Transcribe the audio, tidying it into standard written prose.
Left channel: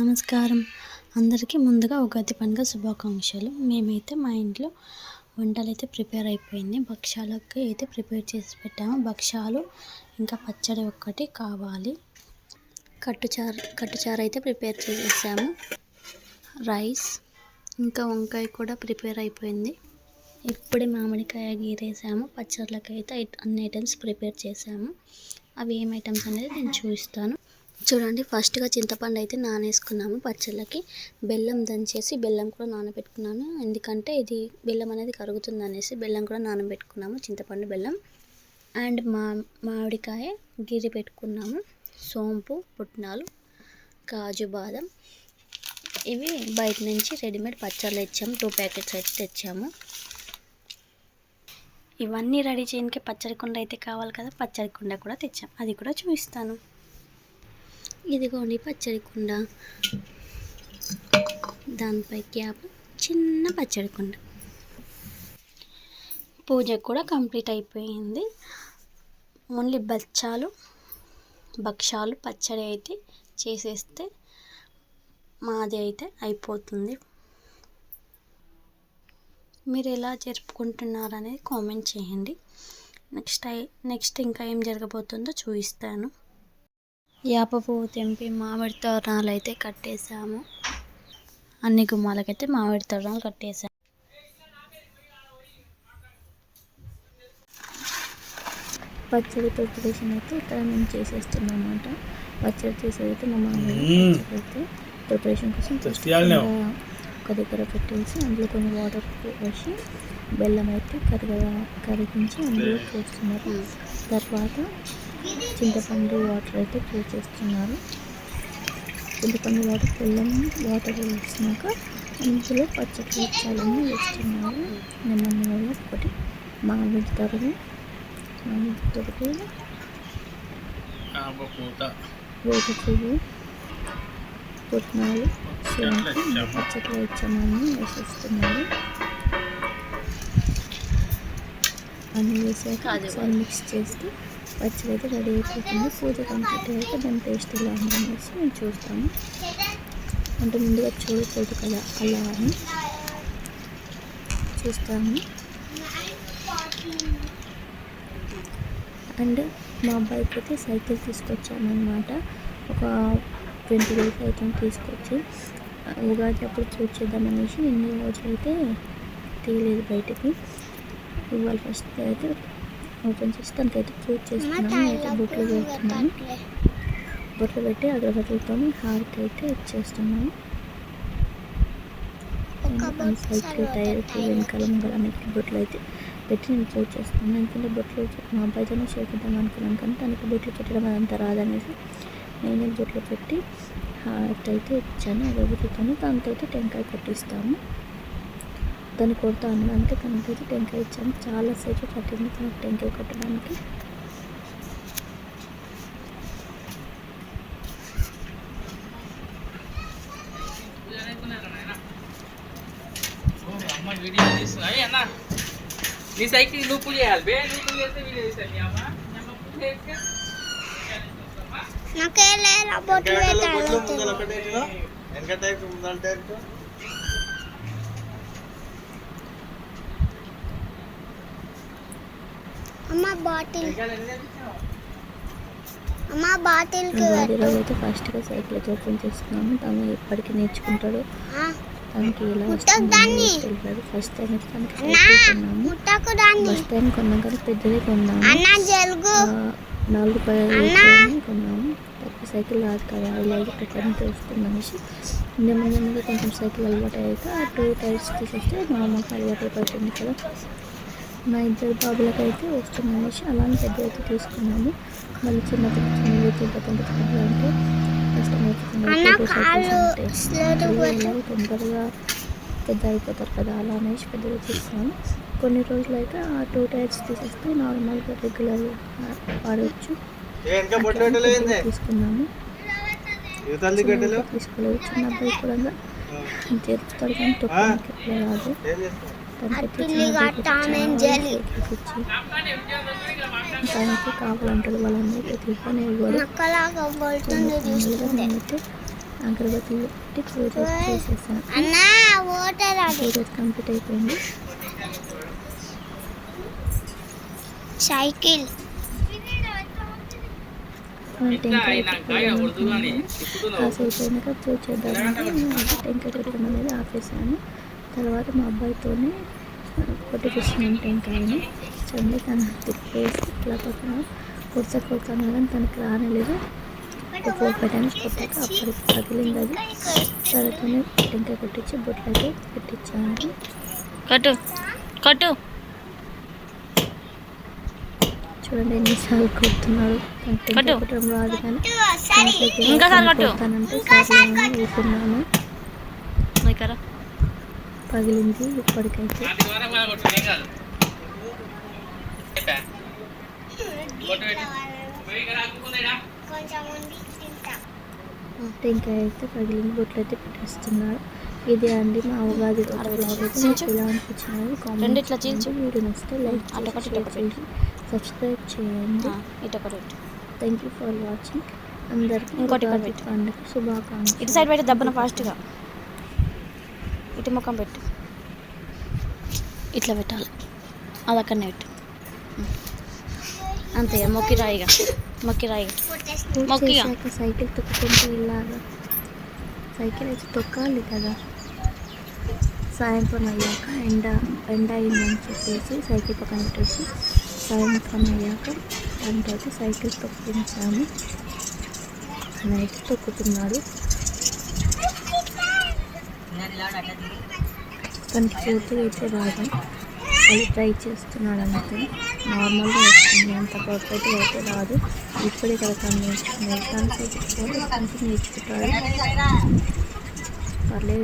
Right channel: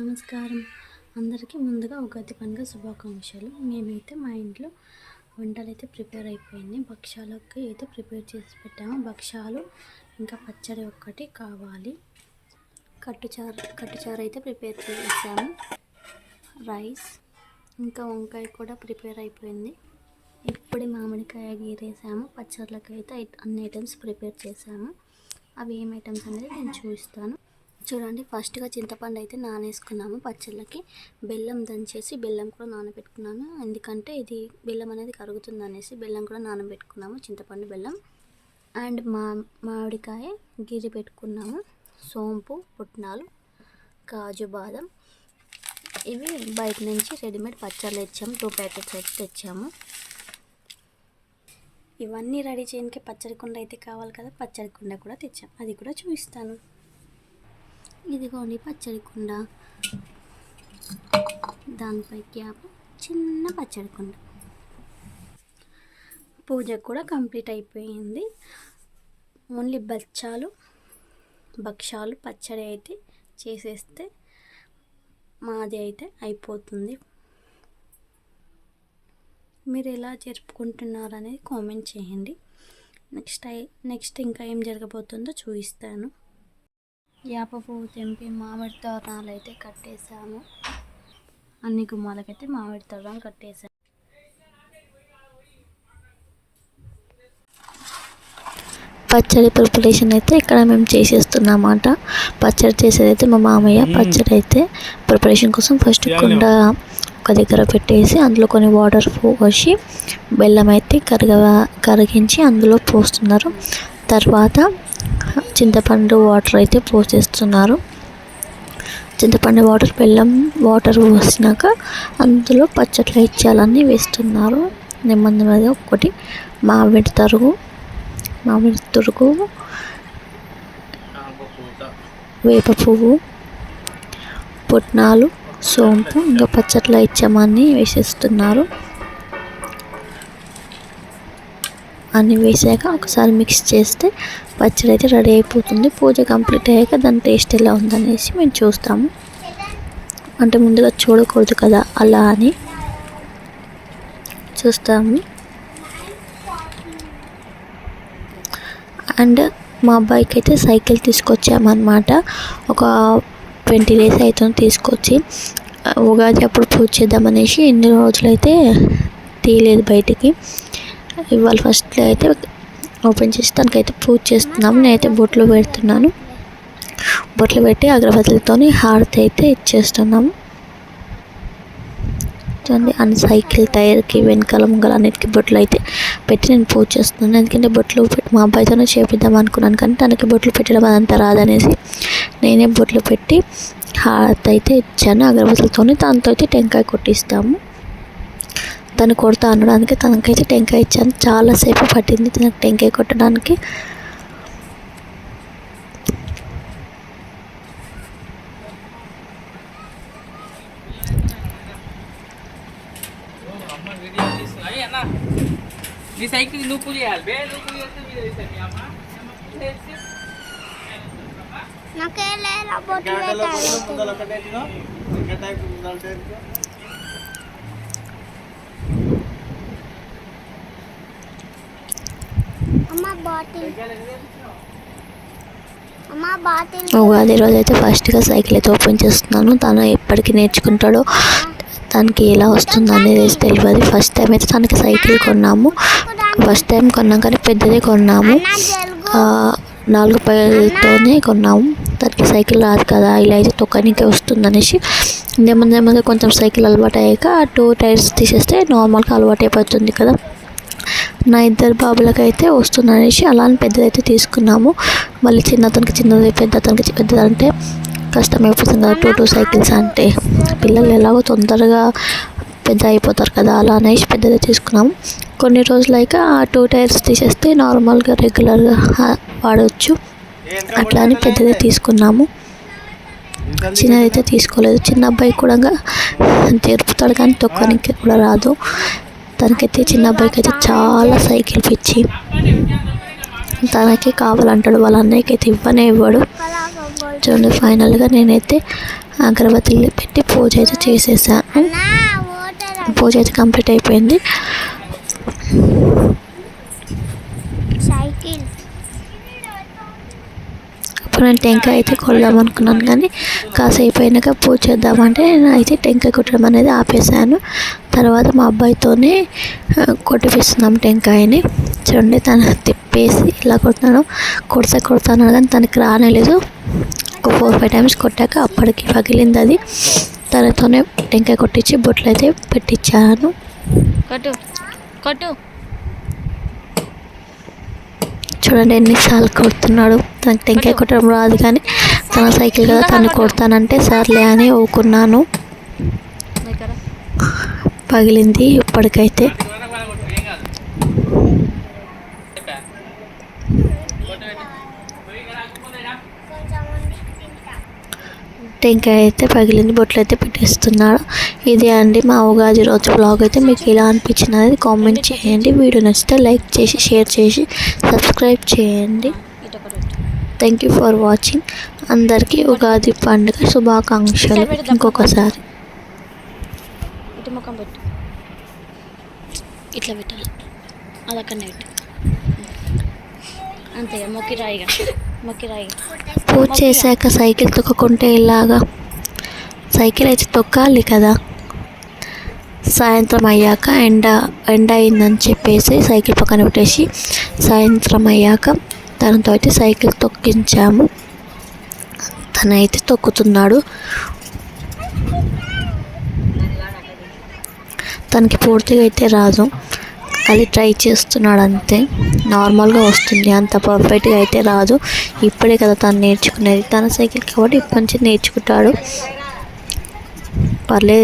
నమస్కారం. అందరికీ ముందుగా ఉగాది పండుగ శుభాకాంక్షలు. మేమైతే మా ఇంట్లో వంటలైతే ప్రిపేర్ అయిపోయింది. భక్షాలకి అయితే ప్రిపేర్ చేసి పెట్టాము. భక్షాలు ఇంకా పచ్చడి ఒక్కటి కావాలి. కట్టుచారు అయితే ప్రిపేర్ చేసాము. రైస్ ఇంకా వంకాయ కూడా ప్రిపేర్ అయిపోయింది. ఇప్పుడే మామిడికాయ గీరేసాము. పచ్చళ్ళకి అయితే అన్ని ఐటమ్స్ ప్రిపేర్ చేసాము. అవి ఏం ఐటమ్స్ అనేది నేను చూపిస్తాను. చూడండి, ఫస్ట్గా చింతపండు అయితే నానేసుకున్నాము. పచ్చళ్ళకి బెల్లం దంచేసి బెల్లం కూడా నానబెట్టుకున్నాను. ఎందుకంటే ఇది బెల్లం అనేది కరుగుతుంది అనేసి బెల్లం కూడా నానబెట్టుకున్నాము. చింతపండు, బెల్లం అండ్ మామిడికాయ గిరి పెట్టుకున్నాము. సోంపు, పుట్నాలు, కాజు, బాదం ఇవి బయట నుంచి రెడీమేడ్ పచ్చళ్ళు తెచ్చాము. 2 ప్యాకెట్స్ అయితే తెచ్చాము. ఇవన్నీ రెడీ చేయడానికి పచ్చడి కుండ అయితే కావాలి కదా. పచ్చడి కుండ కూడా తెచ్చాము. అది కూడా చూపిస్తాను. ఇదిగోండి పచ్చడి కుండ, దానిపై క్యాప్, చిన్న పచ్చడి కుండ. పూజ కూడా కంప్లీట్ అయిపోయింది. ఓన్లీ భక్షాలు పచ్చడి అయితే చేసేస్తే మాది అయితే అయిపోతుంది. మీరు ఎలా జరుపుకుంటున్నారు అనేది కామెంట్ చేయండి. నెక్స్ట్ ఇంకా ఏం జరగబోతుందో చూపిస్తాను. వేప పువ్వు తెంపి మామిడి తోరణాలు అయితే కట్టేసాము. అన్ని గుమ్మాలకైతే మామిడి తోరణాలు కట్టేసాము. పచ్చడి ప్రిపరేషన్ అయితే ఇక్కడ మేము చేసేస్తున్నమాట. పచ్చడి చేసేది అయితే మా మామయ్య. పచ్చడి అయితే ప్రిపరేషన్ కోసం ఫస్ట్ కుండ ఒక దగ్గర పెట్టేసి అందులో కొన్ని వాటర్ పోసి బెల్లం అయితే కరిగించి అందులో పోస్తున్నారు. తర్వాత చింతపండు వాటర్ అయితే పోసేస్తున్నారు. చింతపండు వాటర్, బెల్లం వాటర్ పోసినాక అందులో పచ్చట్ల ఇచ్చాలన్నీ వేస్తున్నారు. నెమ్మదిగా ఒకటి మామిడి తురుగు, వేప పువ్వు, పుట్నాలు, సోంపు ఇంకా పచ్చట్ల ఇచ్చామని వేసేస్తున్నారు. అన్నీ వేసాక ఒకసారి మిక్స్ చేస్తే పచ్చడి అయితే రెడీ అయిపోతుంది. పూజ కంప్లీట్ అయ్యాక దాని టేస్ట్ ఎలా ఉందనేసి మేము చూస్తాము. అంటే ముందుగా చూడకూడదు కదా, అలా అని చూస్తాము. అండ్ మా అబ్బాయికి అయితే సైకిల్ తీసుకొచ్చామన్నమాట. ఒక 20 days అవుతుంది తీసుకొచ్చి. ఉగాది అప్పుడు పూజ చేద్దామనేసి ఎన్ని రోజులైతే తీయలేదు బయటికి. ఇవాళ ఫస్ట్ అయితే ఓపెన్ చేసి దానికైతే పూజ చేస్తున్నాము. నేనైతే బొట్లు పెడుతున్నాను. బొట్లు పెట్టి అగరబత్తులతో హారతి అయితే ఇచ్చేస్తున్నాము. చూడండి, అన్ని సైకిల్ టైర్కి వెనకాల ముంగల అన్నిటికీ బొట్లు అయితే పెట్టి నేను పూజ చేస్తున్నాను. ఎందుకంటే బొట్లు మా అబ్బాయితోనే చేపిద్దాం అనుకున్నాను, కానీ తనకి బొట్లు పెట్టడం అదంతా రాదనేసి నేనే బొట్లు పెట్టి హారతి అయితే ఇచ్చాను అగరబత్తులతో. దాంతో అయితే టెంకాయ కొట్టిస్తాము. తను కొడతా అనడానికి తనకైతే టెంకాయ ఇచ్చాను. చాలాసేపు పట్టింది తనకు టెంకాయ కొట్టడానికి. ఉగాది రోజు అయితే ఫస్ట్గా సైకిల్ అయితే ఓపెన్ చేస్తున్నాను. తను ఎప్పటికీ నేర్చుకుంటాడో, తనకి ఎలా వస్తుందో అనేది తెలియదు. ఫస్ట్ టైం అయితే తనకి సైకిల్ కొన్నాము. ఫస్ట్ టైం కొన్నాం కానీ పెద్దదే కొన్నాము. 4 పైతోనే కొన్నాము. తనకి సైకిల్ రాదు కదా, ఇలా అయితే తొక్కనికే వస్తుందనేసి నెమ్మదిగా కొంచెం సైకిల్ అలవాటు అయ్యాక 2 టైర్స్ తీసేస్తే నార్మల్గా అలవాటు అయిపోతుంది కదా. నా 2 బాబులకి అయితే వస్తుందనేసి అలానే పెద్దదైతే తీసుకున్నాము. మళ్ళీ చిన్నతనికి చిన్నది, పెద్దతనికి పెద్దది అంటే కష్టమైపోతుంది కదా. 2 సైకిల్స్ అంటే పిల్లలు ఎలాగో తొందరగా పెద్ద అయిపోతారు కదా, అలా అనేసి పెద్దదే తీసుకున్నాము. కొన్ని రోజులైక ఆ 2 టైర్స్ తీసేస్తే నార్మల్గా రెగ్యులర్గా వాడవచ్చు. అట్లా అని పెద్దదే తీసుకున్నాము. చిన్నదైతే తీసుకోలేదు. చిన్న అబ్బాయి కూడా జరుపుతాడు కానీ తొక్కనికి కూడా రాదు. తనకైతే చిన్న అబ్బాయికి అయితే చాలా సైకిల్ పిచ్చి. తనకి కావాలంటాడు, వాళ్ళ అన్నయ్యకి అయితే ఇవ్వనే ఇవ్వడు. చూడండి, ఫైనల్గా నేనైతే అగరబత్తులు పెట్టి పూజ అయితే చేసేసాను. పూజ అయితే కంప్లీట్ అయిపోయింది. సైకిల్ ఇప్పుడు నేను టెంకాయ అయితే కొడదాం అనుకున్నాను, కానీ కాసేపు అయినాక పూజ చేద్దామంటే నేను అయితే టెంకాయ కొట్టడం అనేది ఆపేసాను. తర్వాత మా అబ్బాయితోనే కొట్టిపిస్తున్నాం టెంకాయని. చూడండి, తను తిప్పేసి ఇలా కొడతాను కానీ తనకి రానేలేదు. ఒక 4-5 టైమ్స్ కొట్టాక అప్పటికి పగిలింది. అది తనతోనే టెంకాయ కొట్టించి బొట్లు అయితే పెట్టించాను. కొట్టు చూడండి ఎన్నిసార్లు కొడుతున్నాడు. తనకి టెంకాయ కొట్టడం రాదు, కానీ తన సైకిల్ కదా తను కొడతానంటే సర్లే అని ఊకున్నాను. పగిలింది ఇప్పటికైతే. టెంకాయ అయితే పగిలింది, బొట్లు అయితే పెట్టేస్తున్నాడు. ఇది అండి మా ఉగాది రోజు బ్లాగ్. అయితే మీకు ఇలా అనిపించినది కామెంట్ చేయండి. వీడియో నచ్చితే లైక్ చేసి షేర్ చేసి సబ్స్క్రైబ్ చేయండి. Thank you for watching. అందరికీ ఉగాది పండుగ శుభాకాంక్షలు. ఇంకొకసారి ఇటు ముఖం పెట్టు, ఇట్లా పెట్టాలి, అది అక్కడనే పెట్టు, అంతే. మొక్కి రాయిగా పూజ చేశాక సైకిల్ తొక్కకుంటే ఇలాగా సైకిల్ అయితే తొక్కాలి కదా. సాయంత్రం అయ్యాక ఎండ అయిందని చెప్పేసి సైకిల్ పక్కన పెట్టేసి సాయంత్రం అయ్యాక తనతో అయితే సైకిల్ తొక్కించాము. తనైతే తొక్కుతున్నాడు. తనకి పూర్తిగా అయితే రాదు, అది ట్రై చేస్తున్నాడు అంతే. నార్మల్గా వస్తుంది, అంత పర్ఫెక్ట్గా అయితే రాదు. ఇప్పుడే కదా తను నేర్చుకునేది. తన సైకిల్ కాబట్టి ఇప్పటి నుంచి నేర్చుకుంటాడు. పర్లేదు.